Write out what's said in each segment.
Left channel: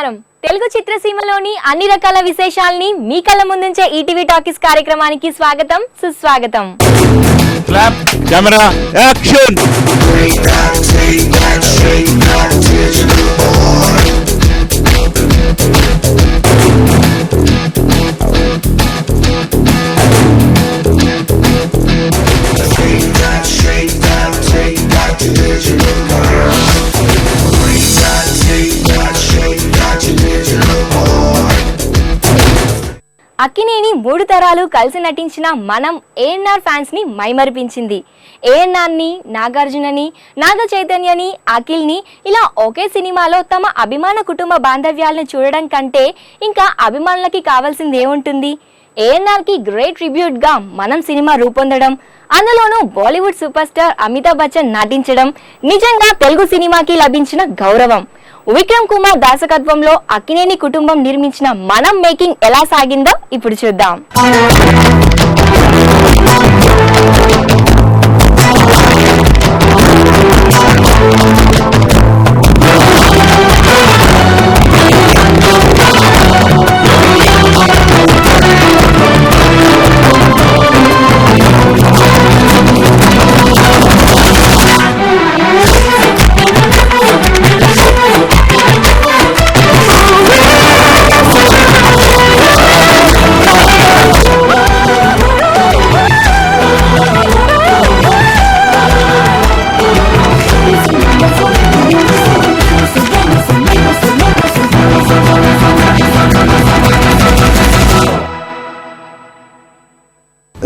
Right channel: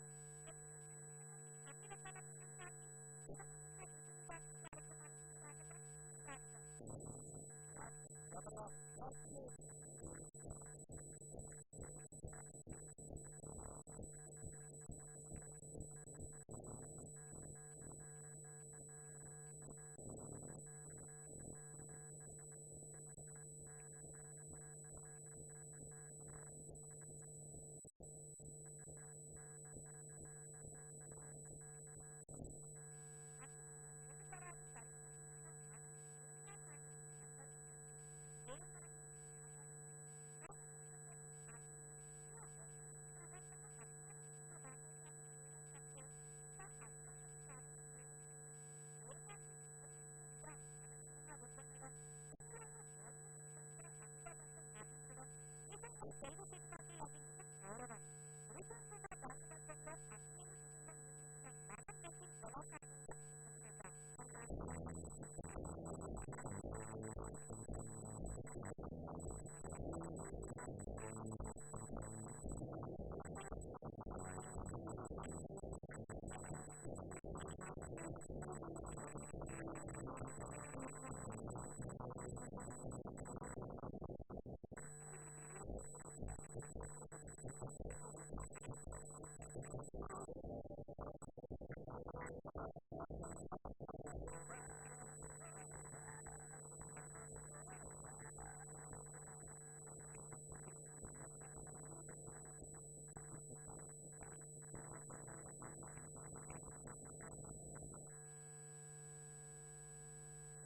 నమస్కారం. తెలుగు చిత్రసీమలోని అన్ని రకాల విశేషాలని మీ కళ్ళ ముందుంచే ఈటీవీ టాకీస్ కార్యక్రమానికి స్వాగతం, సుస్వాగతం. Clap, camera, action. అక్కినేని 3 తరాలు కలిసి నటించిన మనం ఏఎన్ఆర్ ఫ్యాన్స్ ని మైమరిపించింది. ఏఎన్ఆర్ని, నాగార్జునని, నాగ చైతన్యని, అఖిల్ని ఇలా ఒకే సినిమాలో తమ అభిమాన కుటుంబ బాంధవ్యాలను చూడడం కంటే ఇంకా అభిమానులకి కావాల్సింది ఏముంటుంది? ఏఎన్ఆర్కి గ్రేట్ ట్రిబ్యూట్ గా మనం సినిమా రూపొందడం, అందులోనూ బాలీవుడ్ సూపర్ స్టార్ అమితాబ్ బచ్చన్ నటించడం నిజంగా తెలుగు సినిమాకి లభించిన గౌరవం. విక్రమ్ కుమార్ దర్శకత్వంలో అక్కినేని కుటుంబం నిర్మించిన మనం మేకింగ్ ఎలా సాగిందో ఇప్పుడు చూద్దాం.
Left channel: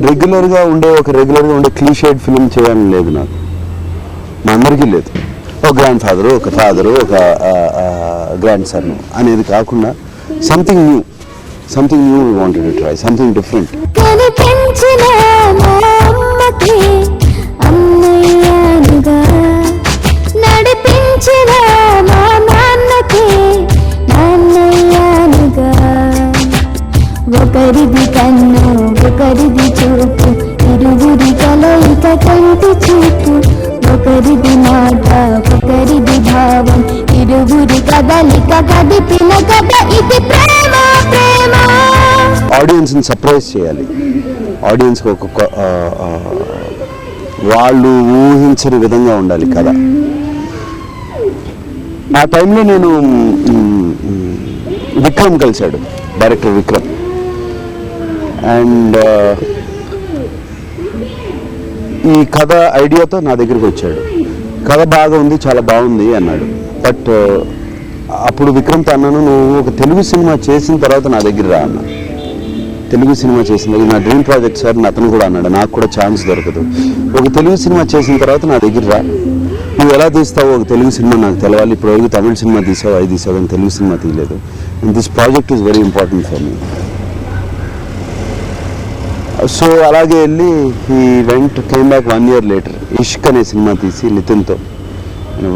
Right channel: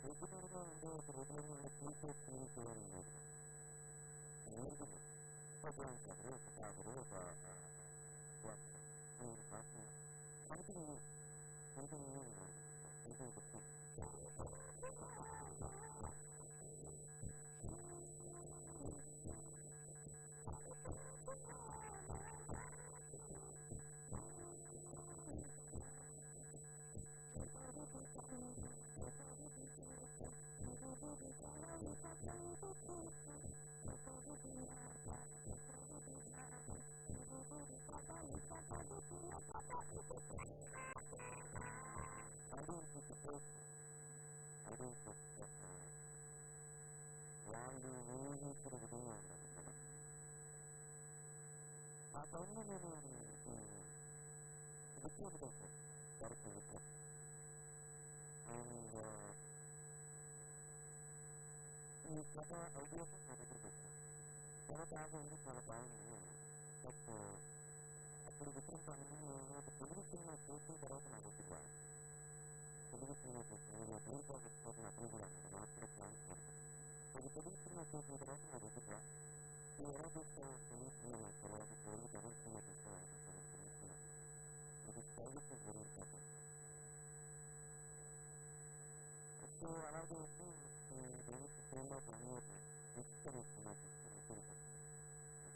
రెగ్యులర్గా ఉండే క్లీషేడ్ ఫిల్మ్ చేయాలని లేదు నాకు, మా అందరికీ లేదు. ఒక గ్రాండ్ ఫాదరు, ఒక ఫాదరు, ఒక గ్రాండ్ సన్ అనేది కాకుండా something new wanted to try something different. ఒకరిది కన్ను ఒకరిది చూపు, ఇరువురి కలయిక కంటి చూపు, ఒకరిది మాట ఒకరిది భావం, ఇరువురి కదలిక కదిపిన కథ ఇది ప్రేమ. ప్రేమ ఆడియన్స్ని సర్ప్రైజ్ చేయాలి, ఆడియన్స్కి ఒక వాళ్ళు ఊహించని విధంగా ఉండాలి కథ. ఆ టైంలో నేను విక్రమ్ కలిశాడు, డైరెక్టర్ విక్రమ్. అండ్ ఈ కథ ఐడియాతో నా దగ్గరికి వచ్చాడు. కథ బాగా ఉంది, చాలా బాగుంది అన్నాడు. బట్ అప్పుడు విక్రమ్తో అన్నాను, నువ్వు ఒక తెలుగు సినిమా చేసిన తర్వాత నా దగ్గర రా అన్నా. తెలుగు సినిమా చేసిన దగ్గర నా డ్రీమ్ ప్రాజెక్ట్ సార్ అతను కూడా అన్నాడు, నాకు కూడా ఛాన్స్ దొరకదు, ఒక తెలుగు సినిమా చేసిన తర్వాత నా దగ్గర రా, నువ్వు ఎలా తీస్తావు ఒక తెలుగు సినిమా నాకు తెలవాలి, ఇప్పుడు వరకు తమిళ సినిమా తీసావు, అది తీసావు, కానీ తెలుగు సినిమా తీయలేదు. And this project is very important for me. So అలాగే వెళ్ళి ఈ కేమ్ బ్యాక్ 1 year later ఇష్క్ అనే సినిమా తీసి నితిన్తో,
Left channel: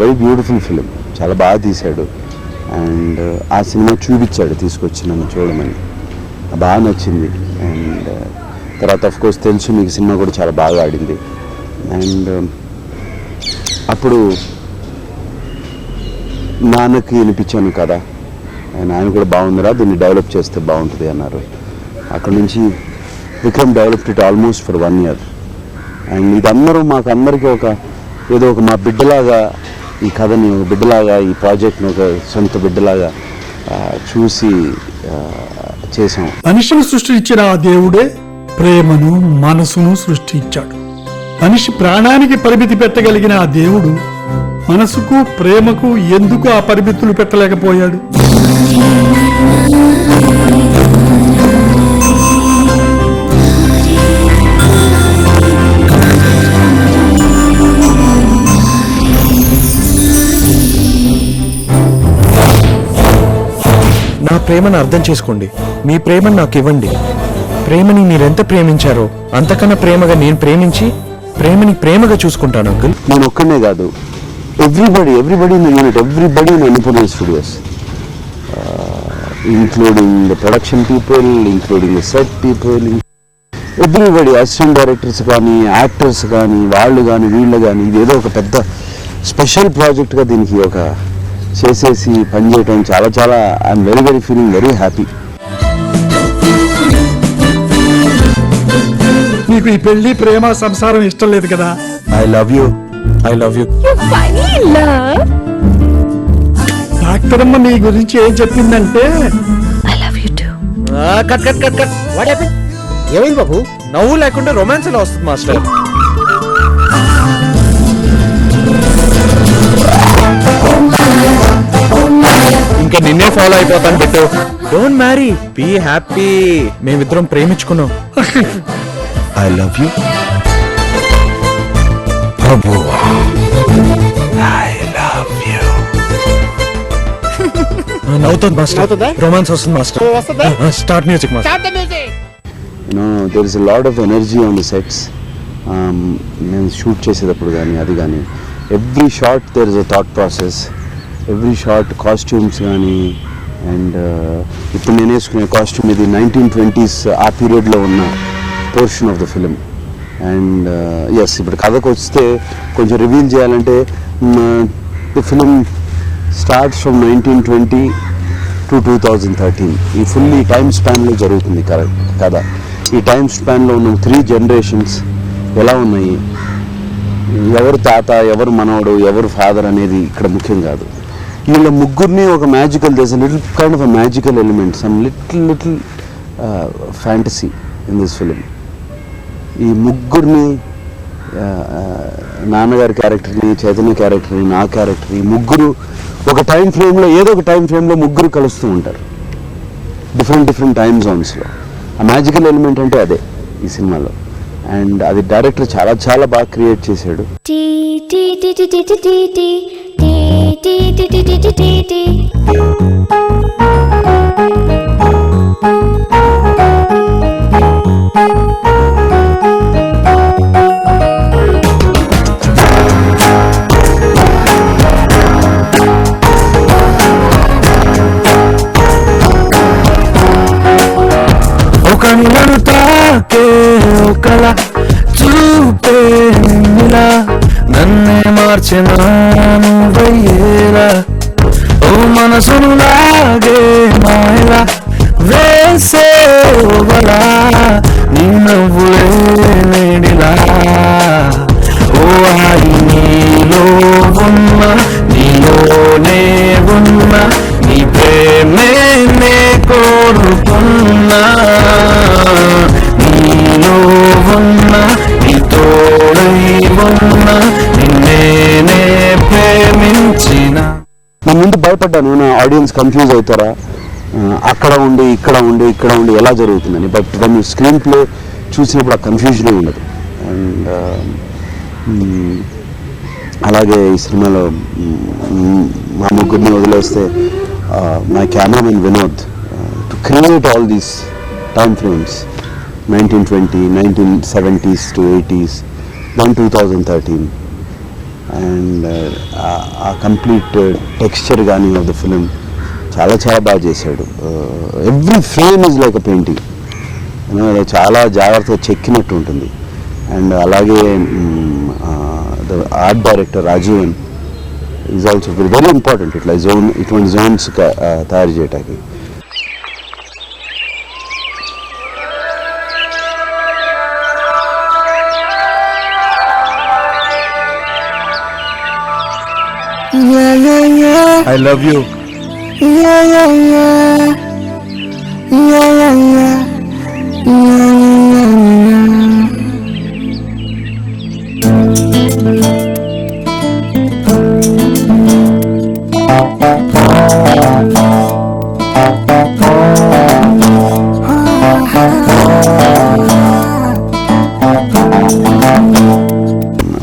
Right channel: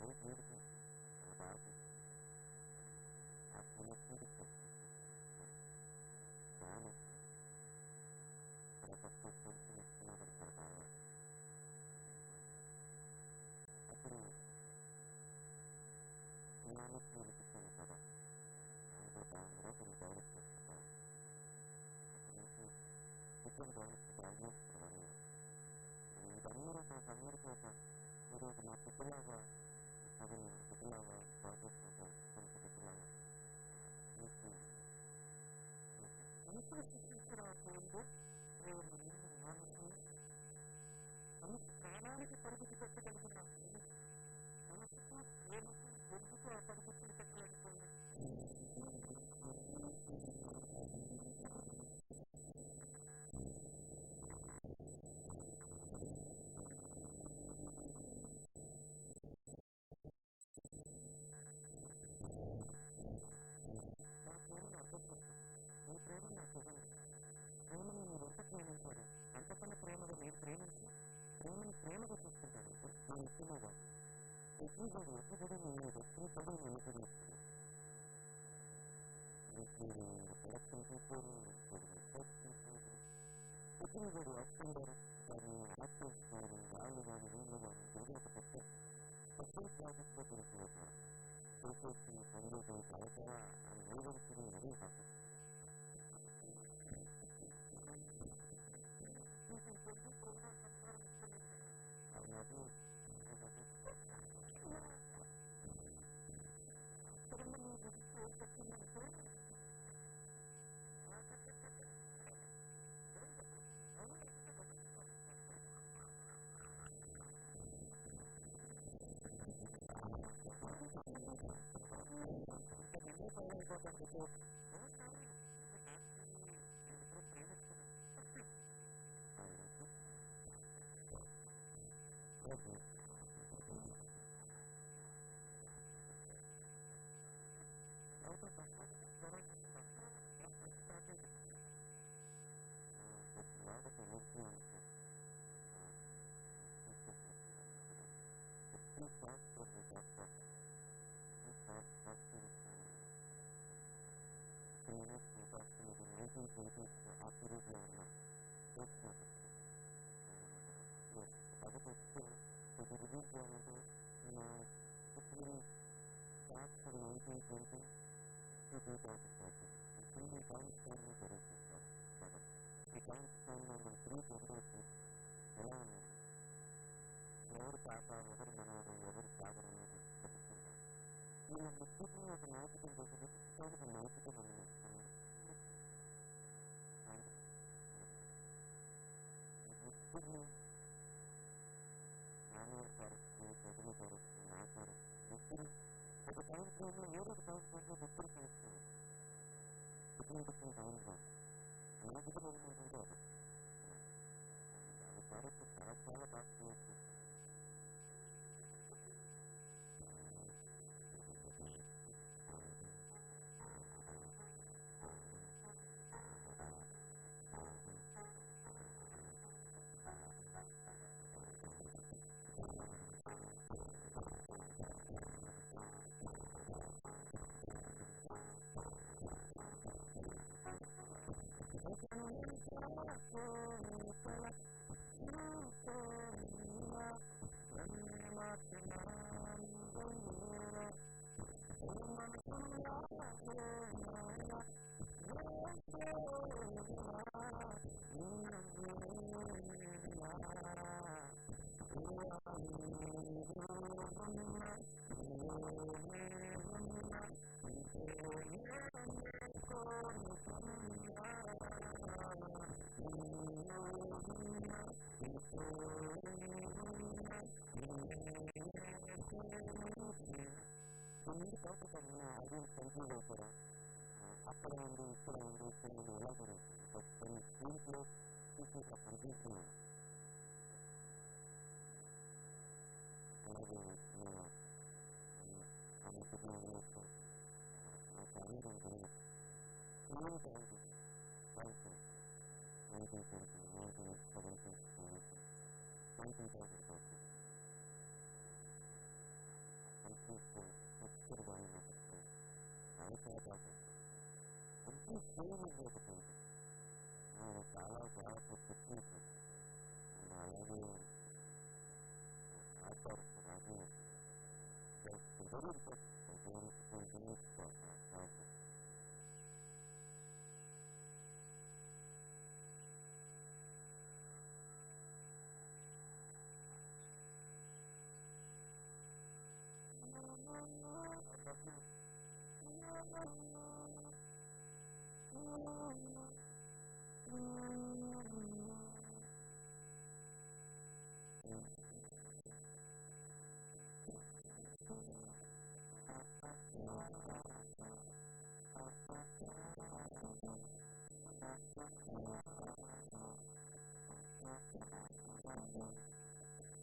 వెరీ బ్యూటిఫుల్ ఫిలిం, చాలా బాగా తీశాడు. అండ్ ఆ సినిమా చూపించాడు, తీసుకొచ్చి నన్ను చూడమని, బాగా నచ్చింది. అండ్ తర్వాత ఆఫ్ కోర్స్ తెలుసు మీకు సినిమా కూడా చాలా బాగా ఆడింది. అండ్ అప్పుడు నాన్నకి వినిపించాను కదా, ఆయన కూడా బాగుందిరా, దీన్ని డెవలప్ చేస్తే బాగుంటుంది అన్నారు. అక్కడ నుంచి Vikram developed it almost for 1 year. And ఇదందరూ మాకు అందరికీ ఏదో ఒక మా బిడ్డలాగా, ఈ కథని ఒక బిడ్డలాగా, ఈ ప్రాజెక్ట్ని ఒక సొంత బిడ్డలాగా చూసి చేసాం. మనిషిని సృష్టించిన ఆ దేవుడే ప్రేమను, మనసును సృష్టించాడు. మనిషి ప్రాణానికి పరిమితి పెట్టగలిగిన ఆ దేవుడు మనసుకు, ప్రేమకు ఎందుకు ఆ పరిమితులు పెట్టలేకపోయాడు? నా ప్రేమను అర్థం చేసుకోండి, మీ ప్రేమను నాకు ఇవ్వండి. ప్రేమని మీరెంత ప్రేమించారో అంతకన్నా ప్రేమగా నేను ప్రేమించి ప్రేమని ప్రేమగా చూసుకుంటాను అంకుల్. నేను ఒక్కనే కాదు, everybody in the unit, everybody in Annapurna studios, including the production people, including the set people, everybody, assistant directors కానీ, యాక్టర్స్ కానీ, వాళ్ళు కానీ, వీళ్ళు కానీ, ఇది ఏదో ఒక పెద్ద స్పెషల్ ప్రాజెక్ట్గా దీనికి ఒక చేసేసి పని చేయటం చాలా చాలా I'm very very feeling very happy. నీకు ఈ పెళ్లి ప్రేమ సంసారం ఇష్టం లేదు కదా? I love you. I love you. Doctor అమ్మ నీ గురించి ఏం చెప్పిందంటే cut cut cut cut. What happen? ఏమైంది బాబు? నవ్వు లేకుండా రొమాన్స్ ఎలా వస్తుంది మాస్టర్? ఇంకా నిన్నే ఫాలో అయిపోతాను పెట్టు. Don't marry, be happy. మేమిద్దరం ప్రేమించుకున్నాం. I love you Prabhu. I love you. నవ్వుతుంది మాస్టర్. రొమాన్స్ వస్తుంది master. Start music master. there is a lot of energy on the sets. నేను షూట్ చేసేటప్పుడు కానీ అది కానీ every shot there is a thought process. Every shot costumes కానీ and ఇప్పుడు నేను వేసుకునే కాస్ట్యూమ్ ఇది 1920s ఆ పీరియడ్లో ఉన్న portion of the film. And as ఇప్పుడు కథకు వస్తే కొంచెం రివీల్ చేయాలంటే the film starts from 1920 to 2013. ఈ ఫుల్ ఈ టైమ్ స్పాన్లో జరుగుతుంది కథ. ఈ టైమ్ స్పాన్లో ఉన్న 3 జనరేషన్స్ ఎలా ఉన్నాయి, ఎవరు తాత, ఎవరు మనవడు, ఎవరు ఫాదర్ అనేది ఇక్కడ ముఖ్యం కాదు. వీళ్ళ ముగ్గురిని ఒక magical, these little kind of a magical element, some little fantasy in this film. ఈ ముగ్గురిని, నాన్నగారి క్యారెక్టర్ని, చైతన్య క్యారెక్టర్ని, నా క్యారెక్టర్, ఈ ముగ్గురు ఒక టైం ఫ్రేమ్లో, ఏదో ఒక టైం ఫ్రేమ్లో ముగ్గురు కలుస్తూ ఉంటారు డిఫరెంట్ టైమ్ జోన్స్లో. ఆ మ్యాజికల్ ఎలిమెంట్ అంటే అదే ఈ సినిమాలో. అండ్ అది డైరెక్టర్ చాలా చాలా బాగా క్రియేట్ చేశాడు. ఒకలా చూపే నిలా నన్నే మార్చినాను వయ్యేలా, ఓ మనసును లాగే మాయలా వేసే వలా నీ నవ్వులే నేడిలా, ఓ ఆయి నీలో ఉన్న నీలోనే ఉన్న నీ ప్రేమే నే కోరుకున్నా, నీలో ఉన్న నీ తోడై ఉన్న నిన్నే ప్రేమించిన. నేను ముందు భయపడ్డాను, నా ఆడియన్స్ కన్ఫ్యూజ్ అవుతారా, అక్కడ ఉండి ఇక్కడ ఉండి ఎలా జరుగుతుందని. బట్ దాన్ని స్క్రీన్ ప్లే చూసినప్పుడు ఆ కన్ఫ్యూజనే ఉండదు. అండ్ అలాగే ఈ సినిమాలో మా ముగ్గురిని వదిలేస్తే my cameraman Vinod to create all these time frames 1920, 1970s to 80s, then 2013. And ఆ కంప్లీట్ టెక్స్చర్ కానీ ఆఫ్ ద ఫిలిం చాలా చాలా బాగా చేశాడు. Every frame is like a painting, చాలా జాగ్రత్తగా చెక్కినట్టు ఉంటుంది. అండ్ అలాగే the art director Rajeevan is also very important ఇటువంటి జోన్స్ తయారు చేయడానికి. I love you.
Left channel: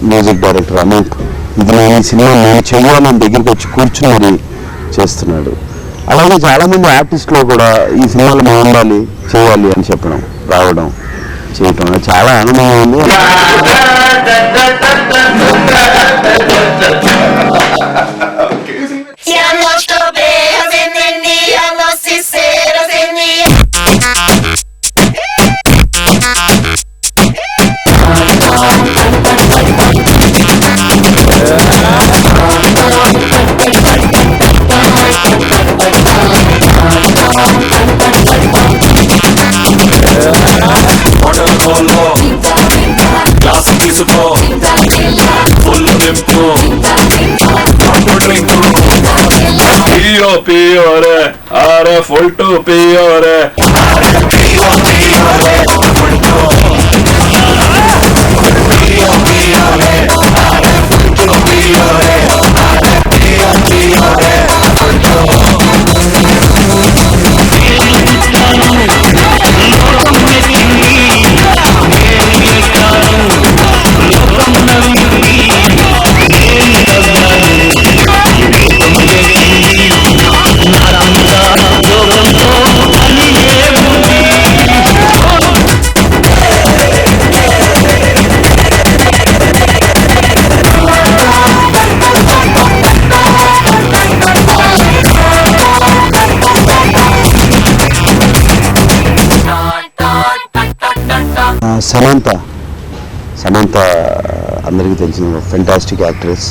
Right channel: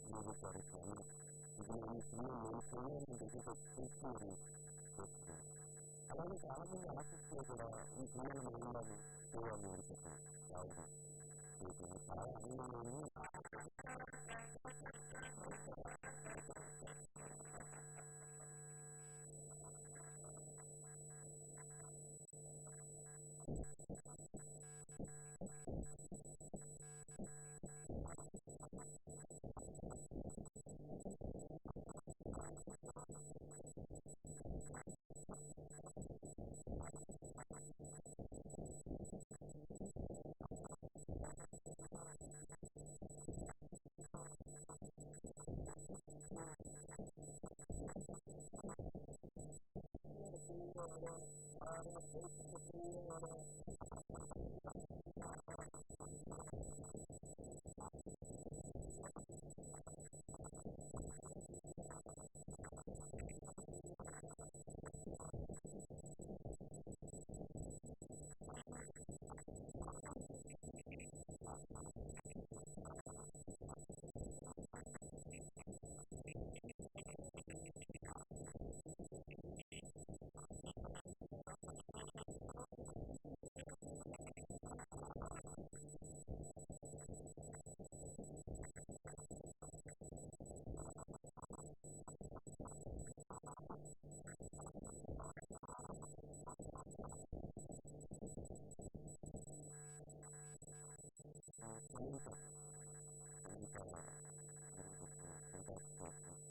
Music director Anoop, ఇది ఈ సినిమా నేను చెయ్యాలని దగ్గరికి వచ్చి కూర్చుని మరి చేస్తున్నాడు. అలాగే చాలామంది ఆర్టిస్టులు కూడా ఈ సినిమాలో మేము ఉండాలి, చేయాలి అని చెప్పడం, రావడం, చేయటం చాలా ఆనందంగా ఉంది. full to pure. సమంత అందరికీ తెలిసిన ఫెంటాస్టిక్ యాక్ట్రెస్.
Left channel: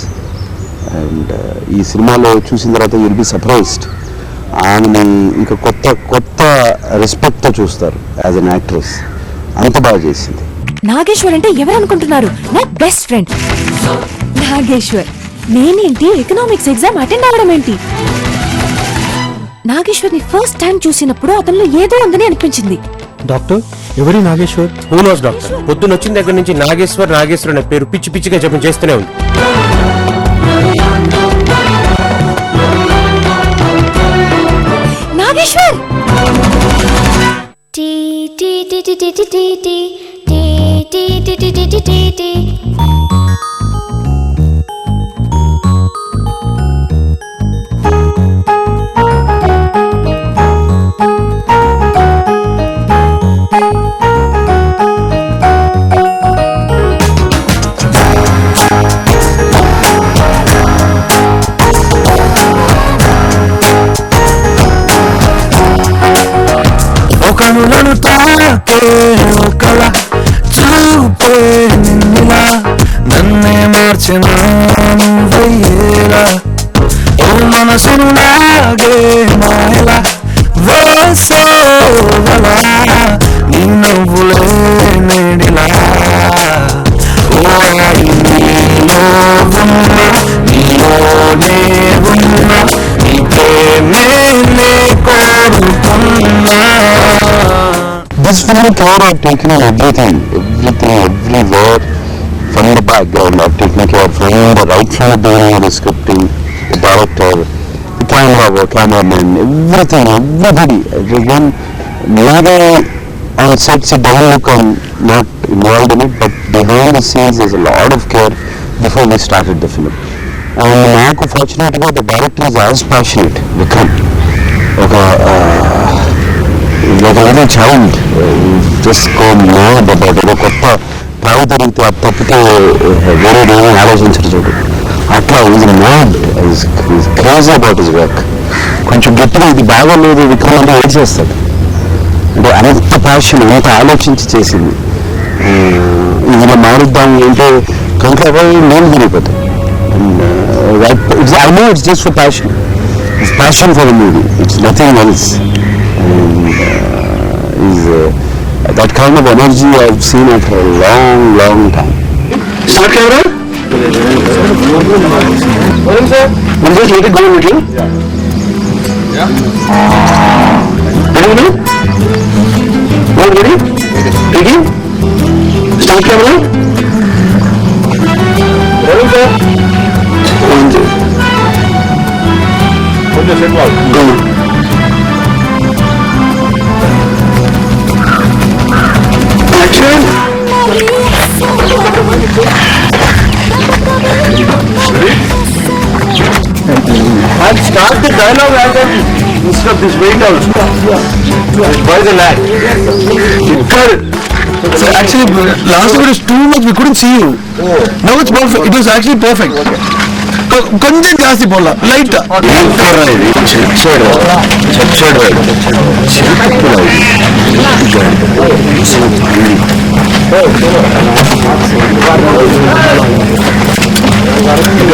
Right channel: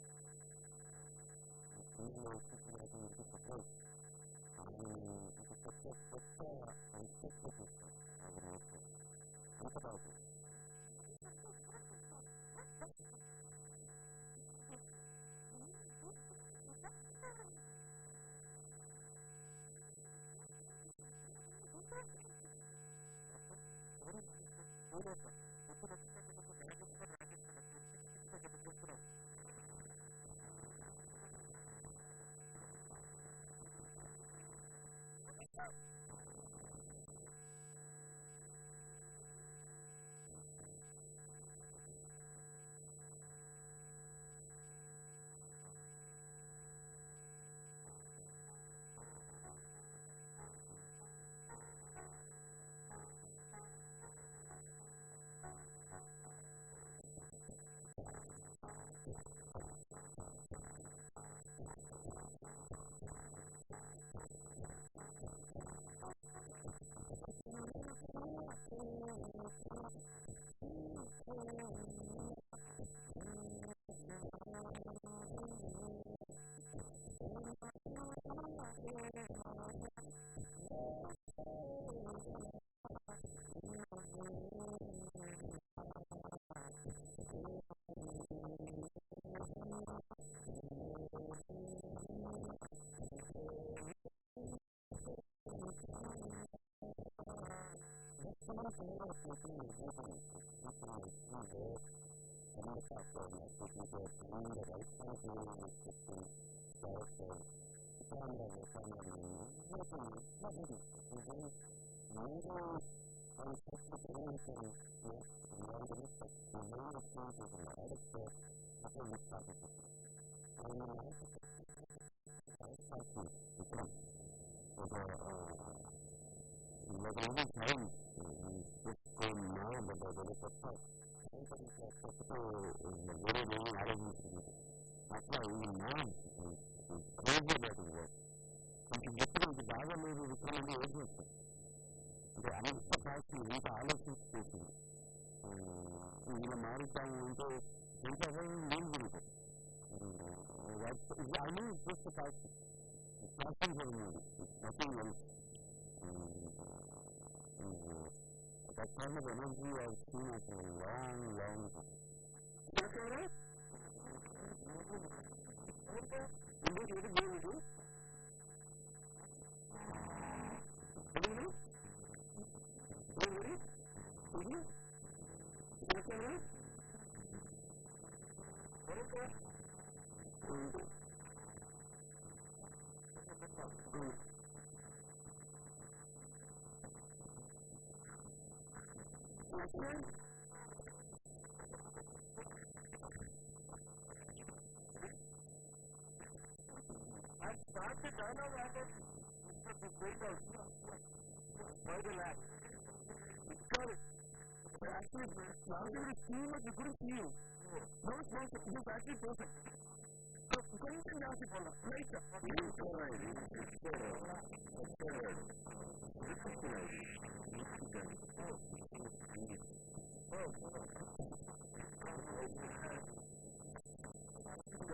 అండ్ ఈ సినిమాలో చూసిన తర్వాత విల్ బి సర్ప్రైజ్డ్. ఆమెని ఇంకా కొత్త రెస్పెక్ట్తో చూస్తారు యాజ్ అన్ యాక్ట్రెస్. అంత బాగా చేసింది. నాగేశ్వర్ అంటే ఎవరు అనుకుంటున్నారు? నా బెస్ట్ ఫ్రెండ్ నాగేశ్వర్. నేనేంటి ఎకనామిక్స్ ఎగ్జామ్ అటెండ్ అవ్వడం ఏంటి? నాగేశ్వర్ ని ఫస్ట్ టైం చూసినప్పుడు అతనిలో ఏదో ఉందని అనిపించింది. డాక్టర్, ఎవరి నాగేశ్వర్? Who knows doctor. పొద్దున్న వచ్చిన దగ్గర నుంచి నాగేశ్వర్ అనే పేరు పిచ్చి పిచ్చిగా జపం చేస్తూనే ఉంది. నాగేశ్వర్ కనులను తాకే కళ చూపే నిన్నులా నన్నే మార్చిన నువ్వయ్యేలా ఓ మనసును లాగే మాయలా వేసేవలా నీ నవ్వులే నేడిలా ఓ నీలో ఉన్న నీలోనే ఉన్న నీ ప్రేమే నే కోరుకున్నా. This film care I've taken on everything, everywhere from the background. I've taken care from the right from the beginning of the scripting, the director, the cameraman, everything, everybody. Again, neither on sets it doesn't look I'm not involved in it, but behind the scenes there's a lot of care before we started the film. And నాకు fortunately the director is as passionate, Vikram. Like a little child, just go mad about it. కొత్త ప్రావు తిరిగితే అది తప్పితే వేరే ఏమీ ఆలోచించరు చూడు. అట్లా is mad, is crazy about his work. కొంచెం గట్టిగా ఇది బాగోలేదు విక్రమ్ అంటే ఏడ్ చేస్తాడు. అంటే అంత ప్యాషన్, అంత ఆలోచించి చేసింది. ఇది మారుద్దాం అంటే కంట్లో నేను తిరిగిపోతాను. I know it's just for passion. It's passion for the movie. It's nothing else. That kind of energy I've seen it for a long time. Start camera? Morning, sir. We'll just let it go a little. Yeah. Ready? Ready? Ready? Start camera? Morning, sir. Morning. Go. Action! And start the dialogue and then instead of this wait out. Why the lag? So actually, last time it was too much. We couldn't see you. Now it's perfect. It was actually perfect. కొంచెం జాస్తి పోలా light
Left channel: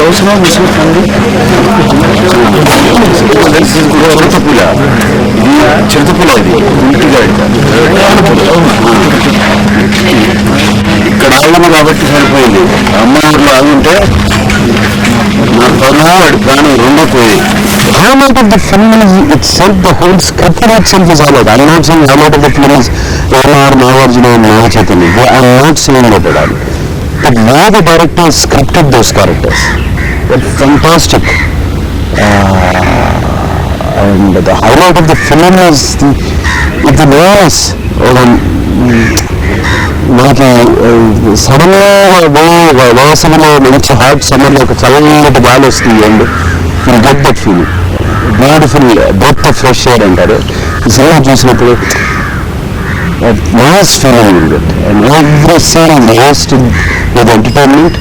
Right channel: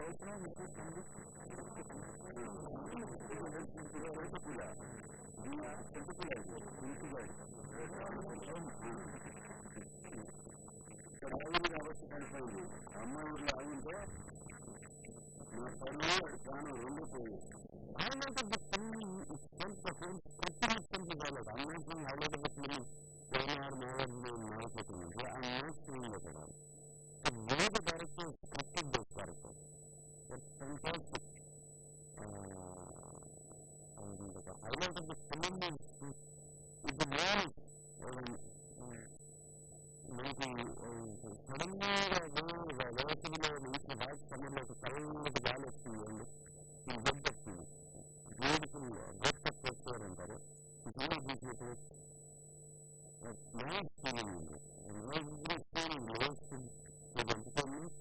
అవసరం విసుకుంది. చిరుతపుల ఇది ఇంటిగా ఇక్కడ ఆగము కాబట్టి సరిపోయింది. అమ్మ ఊర్లో ఆగుంటే నా పరువు వాడి ప్రాణం రెండో పోయి highlight of the film is itself, the whole script in itself is highlight. I'm not saying highlight of the film is A.N.R. Nagarjuna and Naga Chaitanya. I'm not saying that at all. But why the director has scripted those characters, they're fantastic. And the highlight of the film is the noise. మనకి సడన్గా వేసవిలో మంచి hot సమ్మర్లో ఒక చల్లటి గాలి వస్తుంది and you get that feeling, beautiful breath of fresh air అంటారు. ఈ సినిమా చూసినప్పుడు nice feeling will get and every scene is hosted with entertainment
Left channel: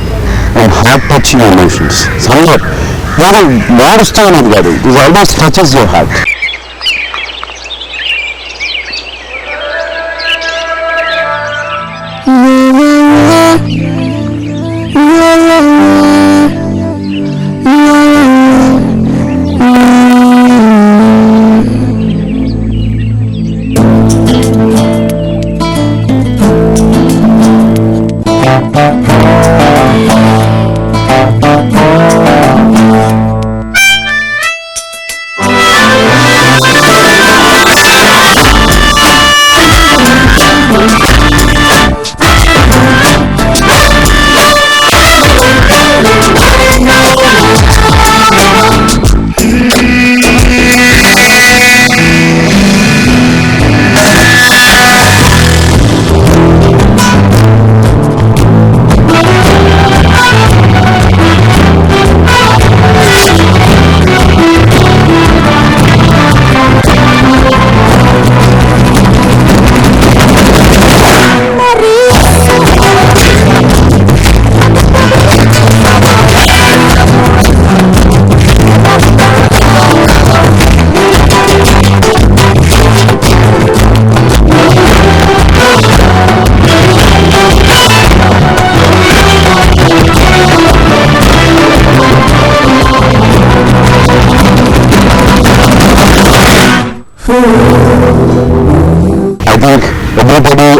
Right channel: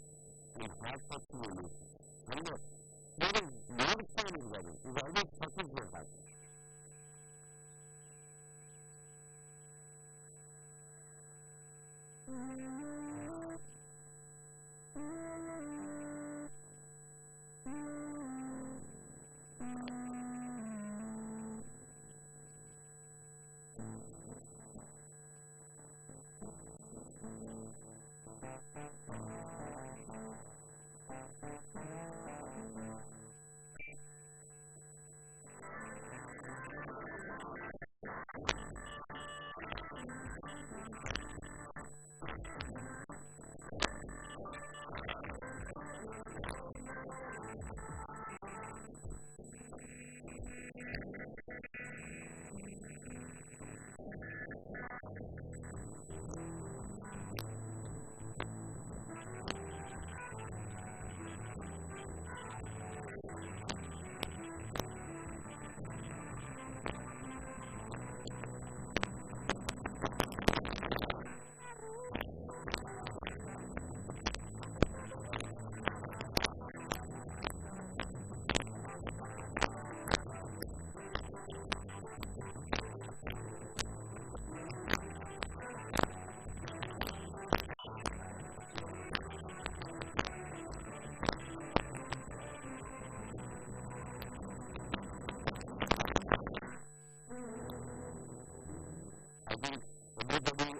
and heart touching emotions. Summer ఏదో మారుస్తూ అనేది కాదు, it almost touches your heart.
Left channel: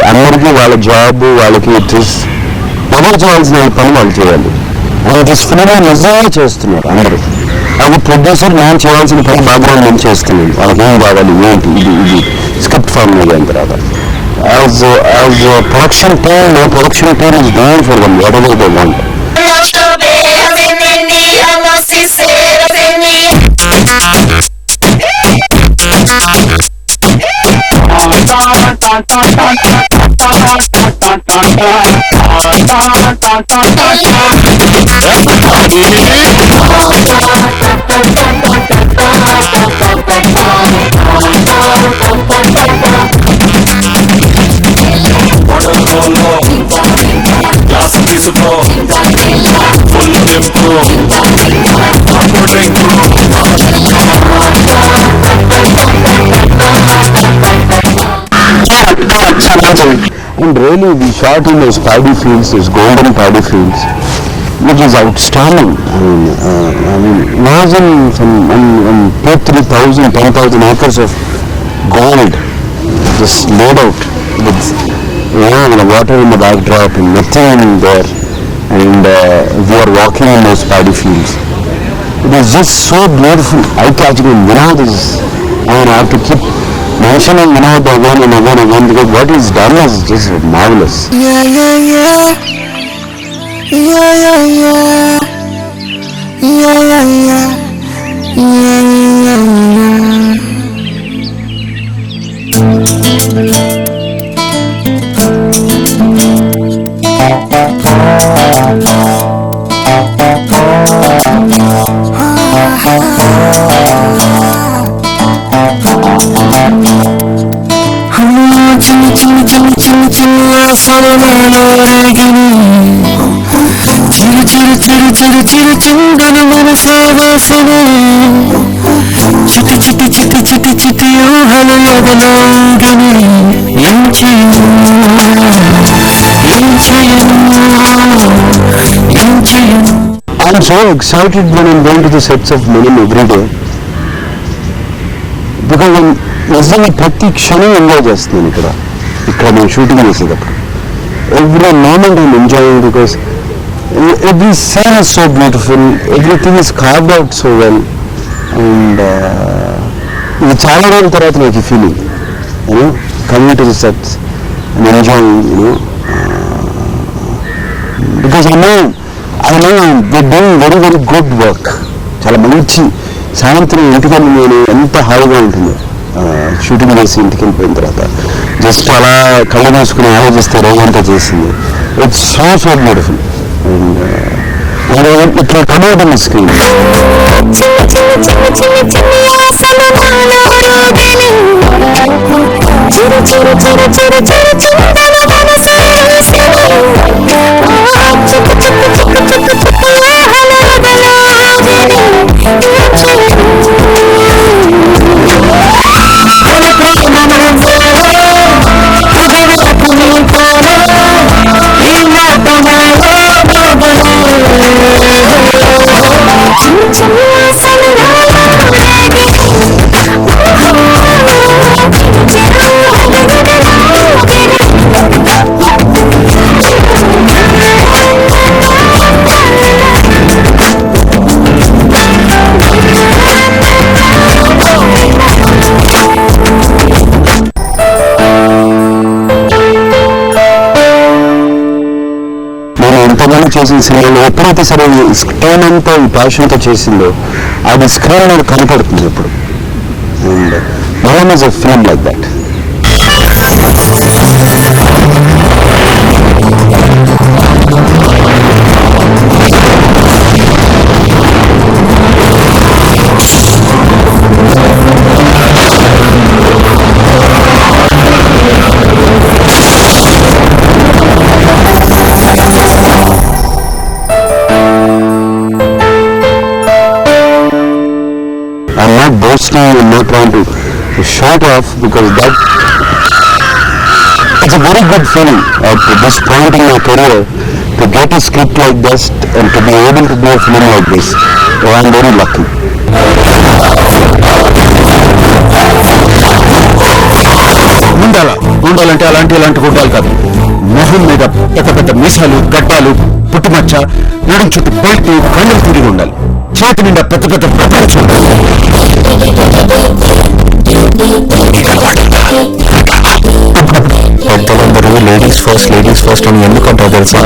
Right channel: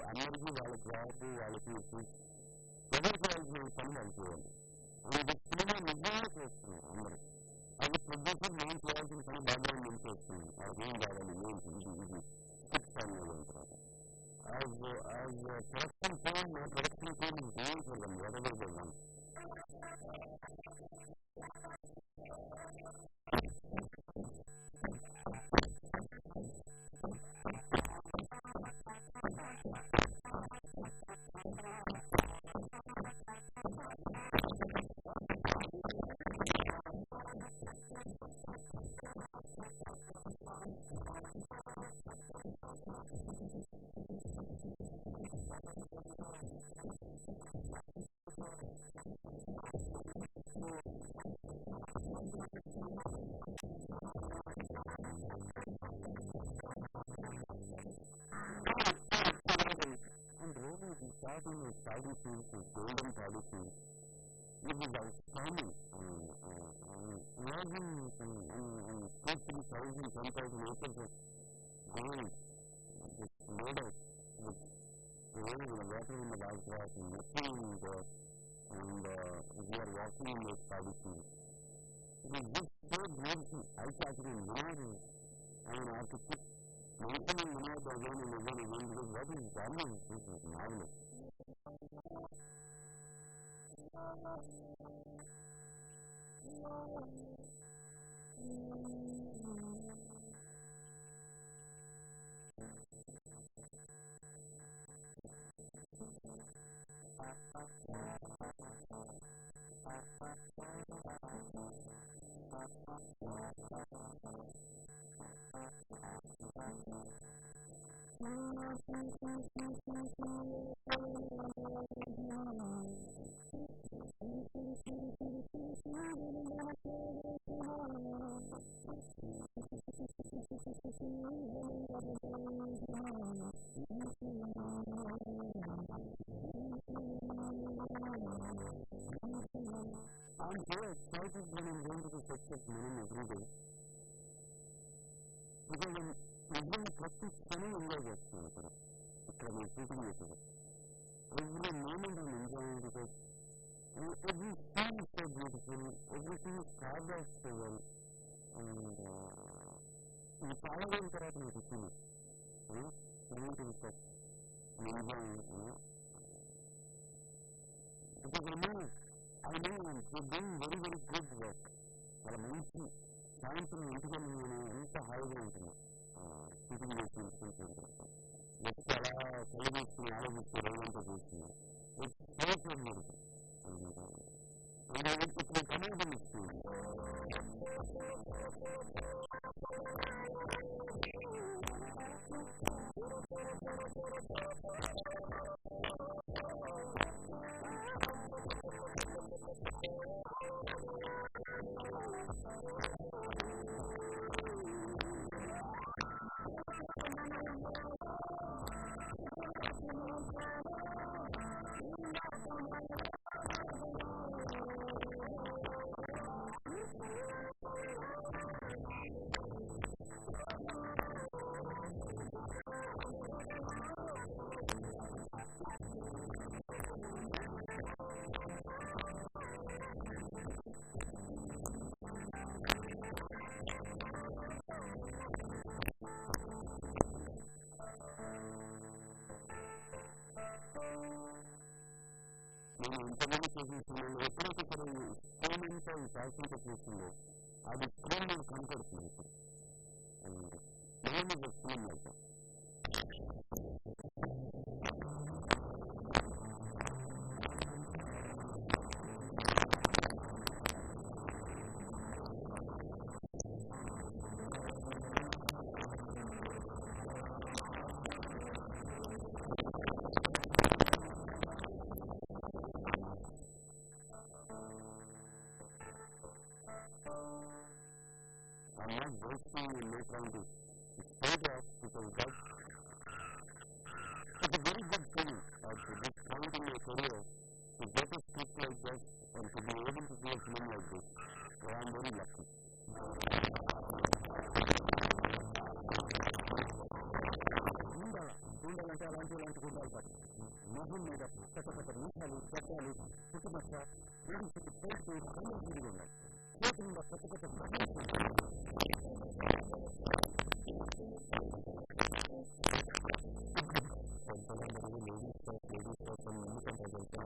అందరికీ వాళ్ళ జాబ్ వాళ్ళకి ఎవరు చేయాల్సిన పని వాళ్ళు చేయాలి. వాళ్ళకి ఫిల్మ్ నిజంగా చేస్తున్నారు అందరూ. అది ప్రొడ్యూసర్ నేను చేయాల్సిన పని బ్యాక్గ్రౌండ్ నేను చేస్తున్నాను. వాళ్ళకి ఏం కావాలి ఏంటి ఇది స్క్రిప్ట్ ఫామ్ అయిన తర్వాత as production team is doing for them whatever they want. And really we shot in those paddy fields, those golden paddy fields, which is outstanding. I mean imagine some 3,000, 10,000 acres of gold just laid out with the water in the backdrop and nothing there, and we are walking in those paddy fields. It is just so beautiful, eye-catching, and Vinod is, I have to keep mentioning Vinod again and again and again because what he's done is just marvelous. చిరు చిందను మనసేవాసన చిటి చిటి చిటి చిటి చిటి ఊహలు ఎదలోగని ఏం చేయను I'm so excited when I'm going to the sets of Manan every day because I'm నిజంగా ప్రతి క్షణం enjoy చేస్తున్నాను ఇక్కడ నేను shooting చేసేటప్పుడు. Every moment I'm enjoying because every scene is so beautiful, everything is carved out so well, and ఇది చాలా రోజుల తర్వాత నాకు ఈ feeling you know coming to the sets and enjoying you know because I know they doing very very good work. చాలా మంచి సాయంత్రం ఇంటికి వెళ్ళి నేను ఎంత హాయిగా ఉంటుందో షూటింగ్ చేసి ఇంటికి వెళ్ళిపోయిన తర్వాత జస్ట్ అలా కళ్ళు మూసుకుని ఆలోచిస్తే రోజంతా చేసింది. It's so so beautiful and ఇట్లా కమౌట్ ఆన్ ది స్క్రీన్. చేసిన సినిమాలో ఎప్పుడైతే సరే టోన్ అంతా ఈ ప్యాషన్తో చేసిందో అది స్క్రీన్ మీద కనపడుతుంది ఎప్పుడు. And Malayalam is a film like that. I'm not boasting, I'm not trying to show it off because that it's a very good feeling at this point in my career to get a script like this and to be able to do a film like this. So I'm very lucky. ఉండాలంటే అలాంటి గుండాలు కాదు, మొహం మీద పెద్ద పెద్ద మీసాలు, గడ్డాలు, పుట్టుమచ్చ, నడుం చుట్టూ బయట కళ్ళు తిరిగి ఉండాలి, చేతి నిండా పెద్ద పెద్ద ప్రపంచం. పెద్దలందరూ లేడీస్ ఫస్ట్ అని ఎందుకంటారు తెలుసా?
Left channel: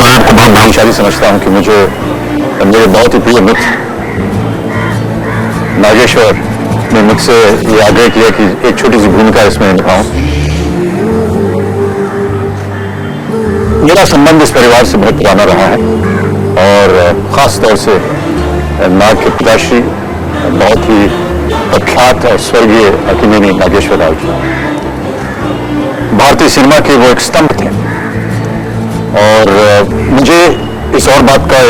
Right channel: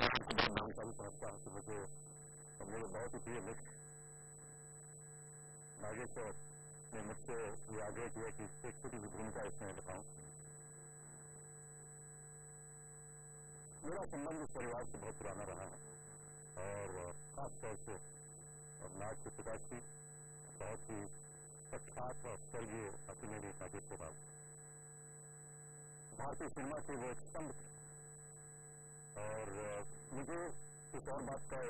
मैं आपको बहुत भाग्यशाली समझता हूँ कि मेरे बहुत ही प्रिय मित्र नागेश्वर ने मुझसे ये आग्रह किया कि एक छोटी सी भूमिका इसमें निभाऊं। मेरा संबंध इस परिवार से बहुत पुराना रहा है और खास तौर से नाग के पिताश्री बहुत ही प्रख्यात और स्वर्गीय अकिनेनी नागेश्वर राव जी भारतीय सिनेमा के वो एक स्तंभ थे और मुझे इस और बात का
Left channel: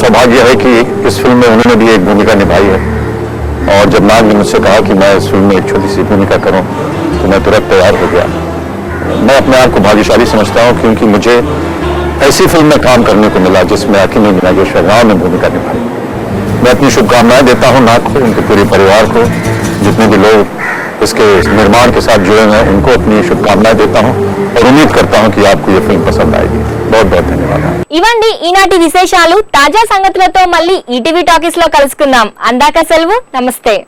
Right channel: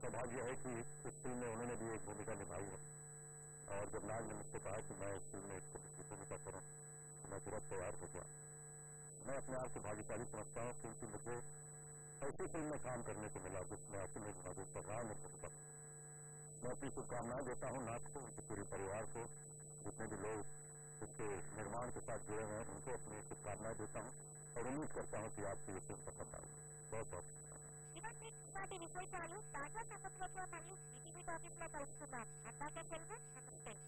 सौभाग्य है कि इस फिल्म में उन्होंने भी एक भूमिका निभाई है और जब नाग ने मुझसे कहा कि मैं इस फिल्म में एक छोटी सी भूमिका करूं तो मैं तुरंत तैयार हो गया। मैं अपने आप को भाग्यशाली समझता हूं क्योंकि मुझे ऐसी फिल्म में काम करने को मिला जिसमें अकिनेनी नागेश्वर राव ने भूमिका निभाई। मैं अपनी शुभकामनाएं देता हूं नाग को, उनके पूरे परिवार को, जितने भी लोग इसके निर्माण के साथ जुड़े हैं उनको अपनी शुभकामनाएं देता हूं और उम्मीद करता हूं कि आपको ये फिल्म पसंद आएगी। बहुत बहुत धन्यवाद। ఇవండి ఈనాటి విశేషాలు. తాజా సంగతులతో మళ్ళీ ఈటీవీ టాకీస్ లో కలుసుకుందాం. అందాక సెలవు. నమస్తే.